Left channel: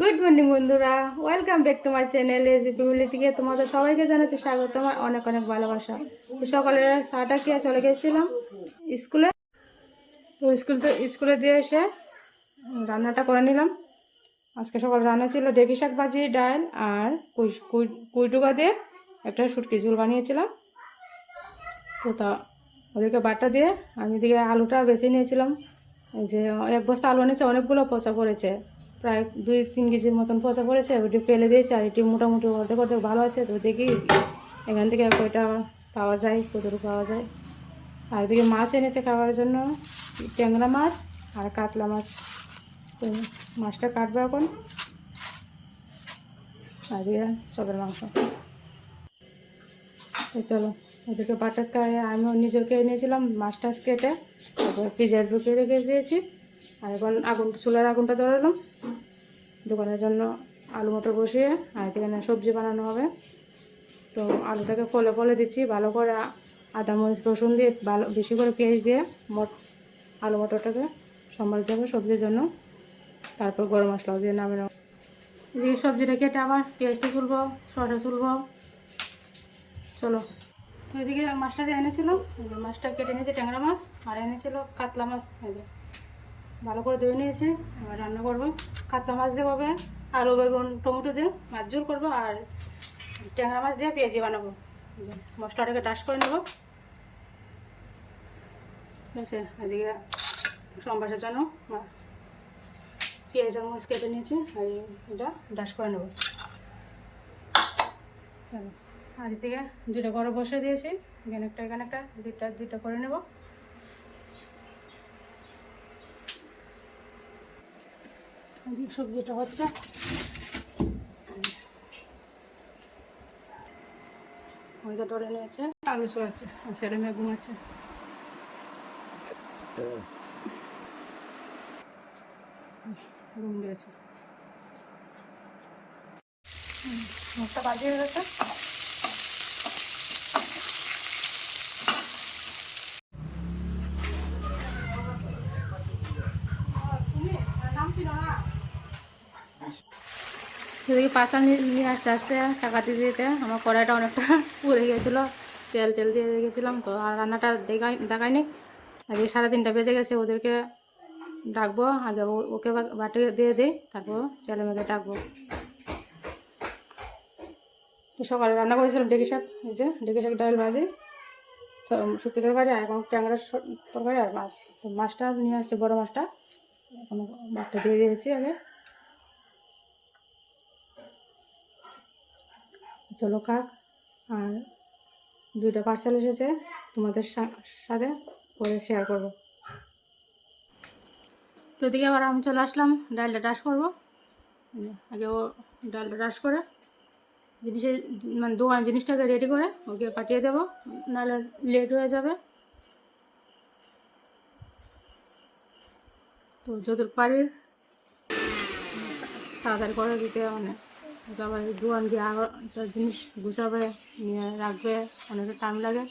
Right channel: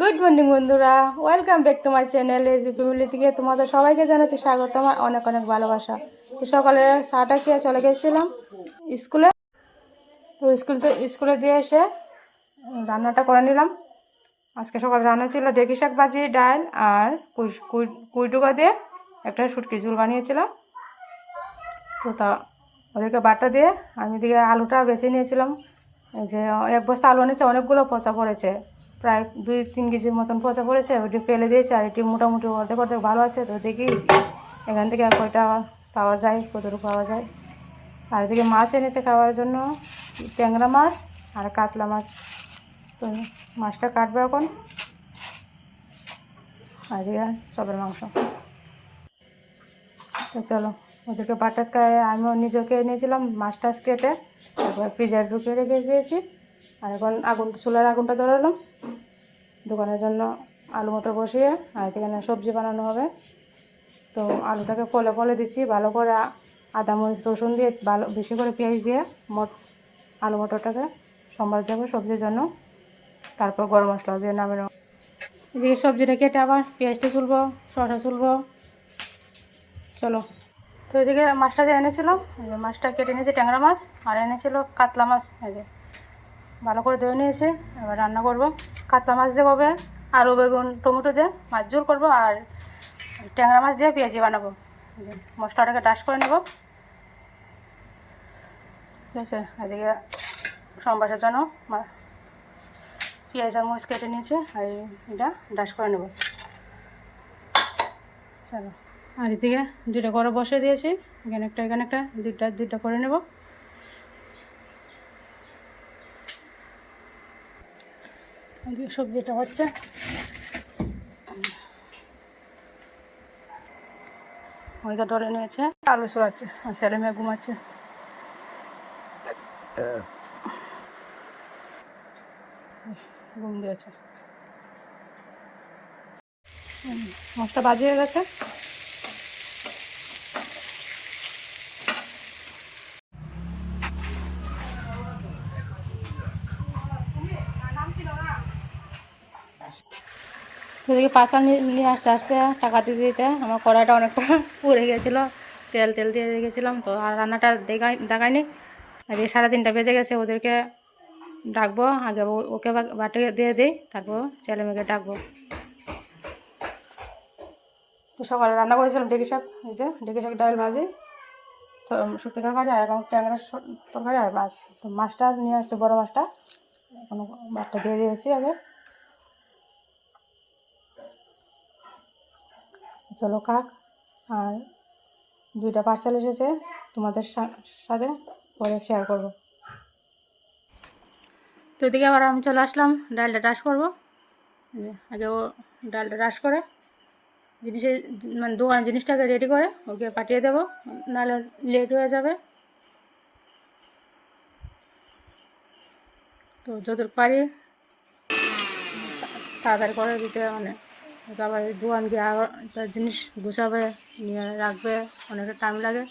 Good morning বন্ধুরা। Welcome back to my channel age family থেকে তোমাদের সবাইকে জানাচ্ছি স্বাগত, আমার অনেক অনেক ভালোবাসা। সকালে চাটা খেয়ে চলে গেছিলাম স্কুলে। তো স্কুল তো স্কুলে দিয়ে এসে রান্নাটা করে নিলাম। আজকে সকালে রান্না ছিল ডেকি শাক ভাজি, ডাল আর কুই, কুই- কুইটুকা দিয়ে একটা শুটকি ঝুল বানিয়েছিলাম। তো তা ওদেরকে বাটা দিয়ে আমি দিকে আলুটা বেছে নিয়েছিলাম। যে এক বস্তা আলু এনেছে, অনেকগুলো পচা পড়েছে। প্রায় দুই তিন কেজির মতন পচা পড়েছে ওইটি ফেলে দিয়েছে আর এটি মোটামুটি অর্ধেক অর্ধেক ভালো আছে। তো দেখি এখান থেকে আর কয়টা পাওয়া যায়, কতটুকু পাওয়া যায়। আর এদিকে মাছ এনেছে খাওয়ার জন্য, ট্যাংরা মাছ আর কাতলা মাছ। তো মাছটা কাটবে এখন। আর এদিকে সবের মাংস। তো চলো, ওদেরকে বাটার খায় আমিও নিজেকে নিয়েছিলাম মাছ টাছ কেটে তারপর পিজার ঢুকে রেখে দিয়েছি। আর এখন আগুন, চুলার আগুনটা ধরালাম। দোকানের জন্য আলু মটর বসিয়ে আর এখানে সবজি বানানো হবে। তো আলুটাকে ফলে ফলে দিচ্ছি, ভালো করে আদা মরিচ রসুন দিয়ে ভালো বেশি করে পেঁয়াজ দিয়ে মোট আলু মটরটাকে সম্বাদ দেবো সবজির জন্য। তারপর গরম মশলা দিয়ে নামানো এদিকে সবজিটা কেটে আবার পেঁয়াজটা চুলবো শসা চুলবো চলো। তো এদিকে মাছটা যে এনেছিল এই যে মাছটা কেটে এনেছি ট্যাংরা মাছ, আর এনেছিল কাতলা মাছ যে। ভালো করে ধুয়ে নিয়েছি, এবার রান্না করব। কাতলা মাছ দিয়ে হবে, আলু, বেগুন, টমেটো দিয়ে, মাছ ঝোল করব আর ট্যাংরা মাছ দিয়ে পেঁয়াজি বানাবো। মশলাটাকে ডাশ করে নেব। ঠিক আছে, এদিকে সম্বাসের জন্য পেঁয়াজ আর মরিচ কেটে নিয়েছি, আর এটা ডাশ করে নেব। চলো, আর এদিকে দুটো করে বসে দিয়েছি, এখানে একটা এখানে একটা, দুটা দুইটা করে নেব। সবজিটা হচ্ছে। ওইটা ডলে নিয়েছে। আলু আছে ছেলে মেয়ে ঘুমাচ্ছে। ঘুম দিয়েছে। মাছটা বাজিয়ে গেছে। এদিকে পাশা নিয়ে আসতে আসতে টাকা দিতে দিতে আমার কড়াইটা অনেকটা পুড়ে গেছিল। তেল তেল দিয়ে রেখেছিলাম তো, আর রান্নাটা দেখাই দেখায়নি এই সাড়ে তিনটা বেজে গেছে, ওদেরকে ডাকবো। আগে ওকে বাটি দিয়ে দিই, তারপর ছেলে মেয়েকে ডাকবো। সকালে রান্না করেছিলাম ডেকি শাক, এই যে ডেকি শাক ডাল ভাজি, তো শুক্তো তরকারি আর এখন ট্যাংরা তরকারি আর মাছ। তো মাছটা নিয়ে আসছে বড়ো মাছটা, এখন মাছটা দিয়ে দিয়েছি আগে। চলো কাক। আর দুইটা পার্সেল এসেছে, তোমাদের সাথে পরে শেয়ার করব। তো এদিকে আবার আমি চলে আসলাম, ডালটা রাস করব। আগে ও ডালটা রাস করে, জিনিসের মানে দোকান জিনিসটাকে রেডি করে, ওকে পাঠিয়ে দেবো, নাহলে লেট হয়ে যাবে। তো যতটুকু পারি তাড়াতাড়ি করে দিতে মানে আবার দোকান গিয়ে আবার একটা জিনিস গুছাবে নিয়ে রাখবে অনেকটা টাইম লাগে।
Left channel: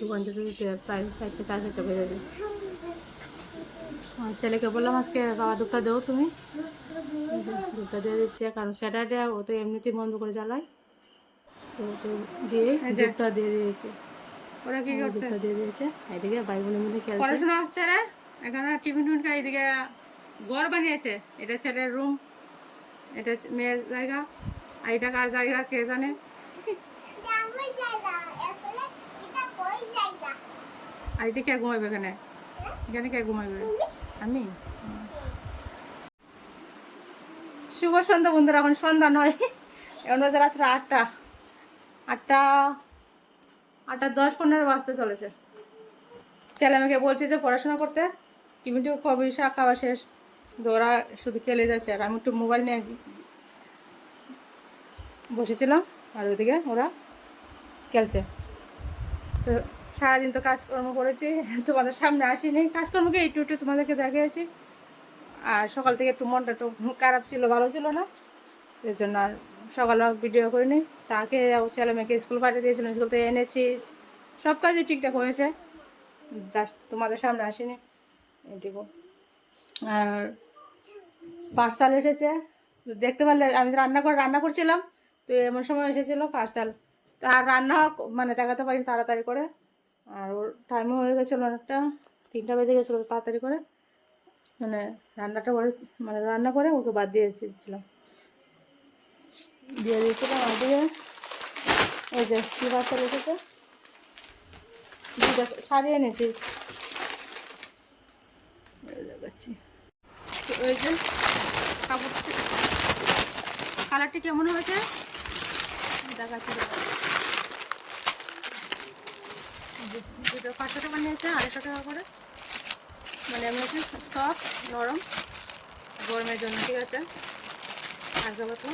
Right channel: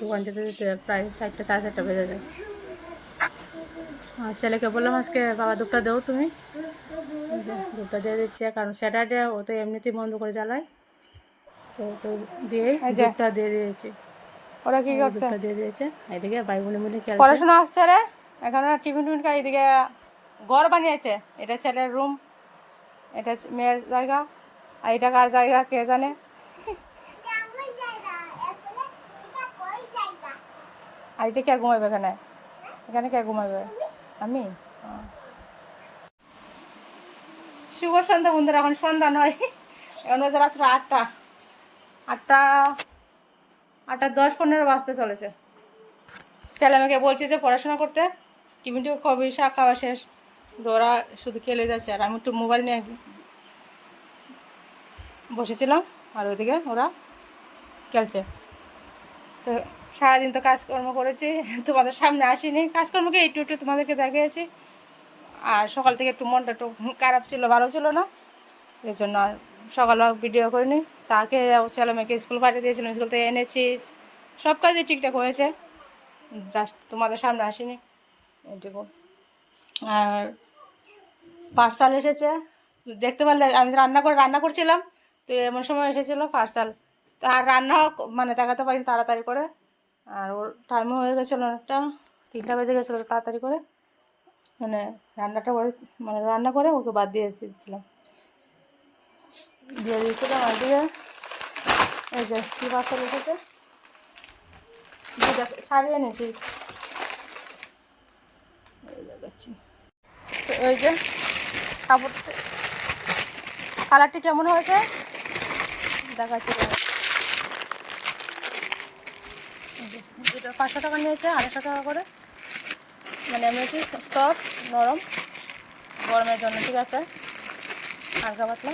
দোকান যেতে যেতে প্রায় চারটে সাড়ে চারটা বেজে যায়। আর ছেলেকে বললাম আজকে বাবা দুধটা দেও তুমি। দুধটা দিয়ে দিচ্ছে কারণ স্যাটারডে ও তো এমনিতেই বন্ধ করে জ্বালায়। তো ওকে দিয়ে দুধটা দিয়ে দিয়েছে। ওরা কি করছে? দিয়ে দিয়েছে। এদিকে ভাই বোনে মিলে পড়াশোনা আসছে রে? এখানে টিফিন টিফিন খাই এদিকে ঘর বানিয়েছে। এটা ছেলের রুম এটা মেয়ের জায়গা, আর এটা কার জায়গা কে জানে? আর এটা কে ঘুমাইবে এখানে? এখানে কে ঘুমাইবে? আমি? শুভ সন্ধ্যা বন্ধুরা, এখন সন্ধ্যা নয়। এখন বাজে রাত্র আটটা। আটটা আটটা দশ পনেরো বাজতে চলেছে। ছেলে মেয়েকে বলছি যে পড়াশোনা করতে টিফিন টিফিন কবি শাক খাওয়া শেষ। ওরা শুধু খেলে যাচ্ছে। আর আমি একটু মোবাইল নিয়ে বসেছিলাম, আর ওইদিকে ওরা খেলছে। তো সারাদিন তো কাজকর্ম করেছি, তোমাদের সামনে আসিনি। কাজকর্মকে একটু একটু তোমাদেরকে দেখিয়েছি। আর সকাল থেকে একটু মনটা একটু খারাপ ছিল, ভালো ছিল না। এর জন্য আর সকালে ভিডিও করিনি। চা খেয়ে যাও ছেলে মেয়েকে স্কুল পাঠিয়ে দিয়েছিলাম স্কুল থেকে এনেছি। সব কাজই ঠিকঠাক হয়েছে। জাস্ট তোমাদের সামনে আসিনি। এইটুকু আর পার্সাল এসেছে। দেখতে পারলে, আমি রান্না করে, রান্না করছিলাম, তো এমন সময় এসেছিল পার্সাল আর রান্না মানে দেখাতে পারিনি তাড়াতাড়ি করে। আর ওর টাইমও হয়ে গেছিল অনেকটা, তিনটা বেজে গেছিল তাড়াতাড়ি করে। মানে রান্নাটা করে মানে রান্না করে ওকে বাদ দিয়ে এসেছিলাম দিয়ে দিয়েছিলাম আর দিয়ে এই যে কী পার্সেল এসেছে? দুটা শাড়ি এনেছি। দেখাচ্ছি। তো ওই যে কাপড়টি কালারটি কেমন হয়েছে? দেখাচ্ছি। দুটো পাঁচশো টাকা নিয়েছে, আড়াইশো টাকা করে। মানে এমনি সফট, নরম, গরমের জন্য, ঠিক আছে? হালকা পাতলা।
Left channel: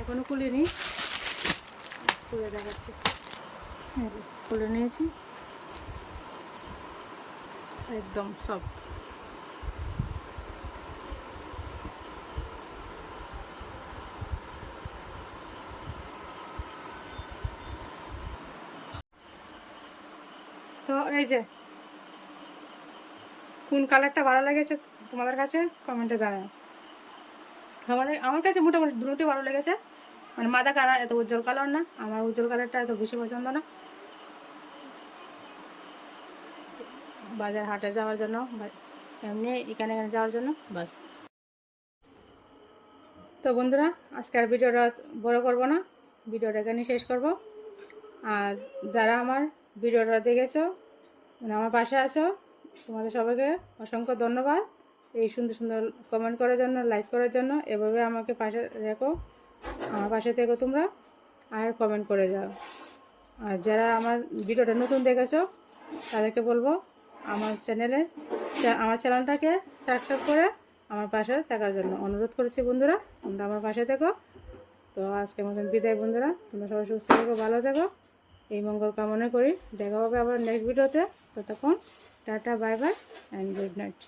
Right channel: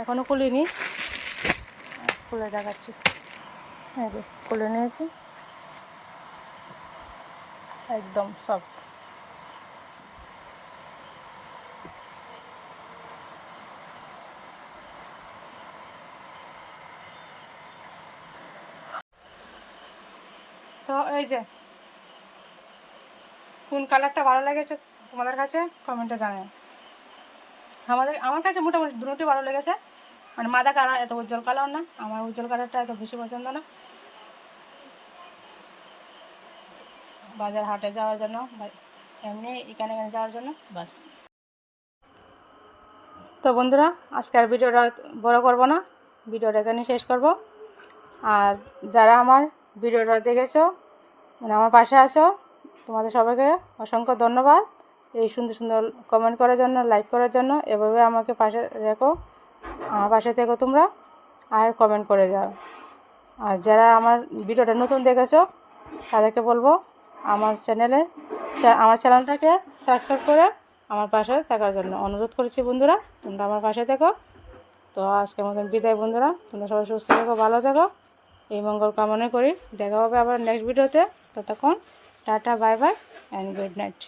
এখনও খুলিনি। খুলে দেখাচ্ছি। এই যে, খুলে নিয়েছি। একদম, সব। তো এই যে, কোন কালারটা ভালো লেগেছে তোমাদের কাছে? কমেন্টে জানাও। আমাদের, আমার কাছে মোটামুটি দুটোই ভালো লেগেছে। মানে মাদা কালার এত উজ্জ্বল কালার না, আমার উজ্জ্বল কালারটা এত বেশি পছন্দ না। বাজার হাটে যাওয়ার জন্য এমনি এখানে এখানে যাওয়ার জন্য, বাস। তো বন্ধুরা আজকে আর ভিডিওটা বড় করব না, ভিডিওটা এখানে শেষ করব। আর যারা আমার ভিডিওটা দেখেছ মানে আমার পাশে আছো, তোমাদের সবাইকে অসংখ্য ধন্যবাদ। এই সুন্দর সুন্দর কমেন্ট করার জন্য লাইক করার জন্য, এভাবে আমাকে পাশে রেখো, আমার পাশে থেকো তোমরা, আর কমেন্ট করে যাও। আর যারা আমার ভিডিওটা নতুন দেখেছ, তাদেরকে বলব আমার চ্যানেলে আমার চ্যানেলটাকে সাবস্ক্রাইব করে আমার পাশে থাকার জন্য অনুরোধ করেছি বন্ধুরা, তোমরা আমার পাশে থেকো। তো আজকে মতন বিদায় বন্ধুরা, তোমরা সবাই সুস্থ থেকো, ভালো থেকো। এই মঙ্গল কামনা করি। দেখা হবে আবার নেক্সট ভিডিওতে ততক্ষণ, tata bye bye and good night